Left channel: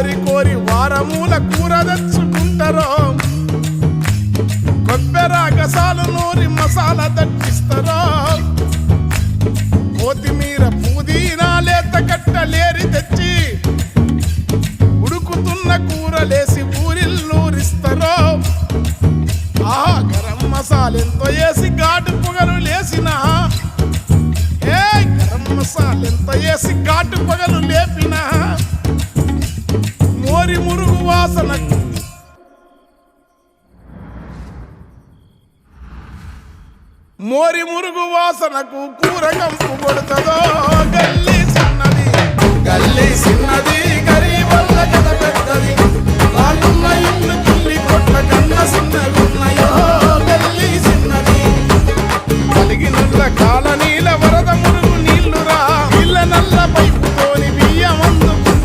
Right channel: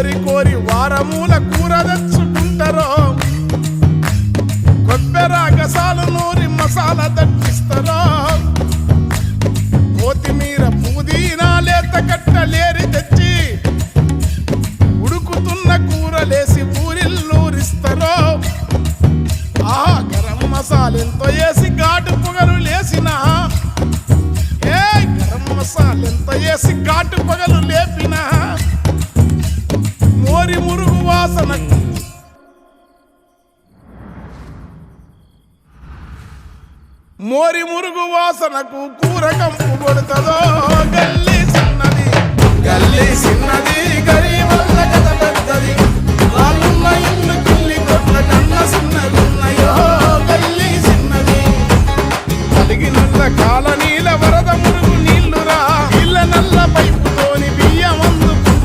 కోరి కోరి వారమూల కూర తెచ్చుకుంటారో కొబ్బెర గసాలు నూరి మసాలా దట్టిస్తారో కొత్తిమీర పుదీనా లేత కట్టలేరి తెచ్చి ఉడుకుతున్న కూరలేసి ఊరిల్లూరిస్తారో ఆహా గరం మసాలెంతో వేసి ఘాటు పొగలు లేసిన గరం మసాలెంతో వేసి ఘాటు పొగలు లేపిన మోరి మురుగు వాసనకు మోరి మురుగు వాసనకు కూర కంపు కొడుతుందో గల్లీ చిన్నది గల్లీ చిన్నది గరీబల్ల కథ పెద్దది వాళ్ళున్న ఇల్లు కిల్లి కొట్ల కన్న చిన్నగున్నాయో గల్లీ చిన్నది కలిగినుల్ల కాలనీల వరద మురుగు నీళ్లురా ఇళ్ళ నల్ల పైపుతోని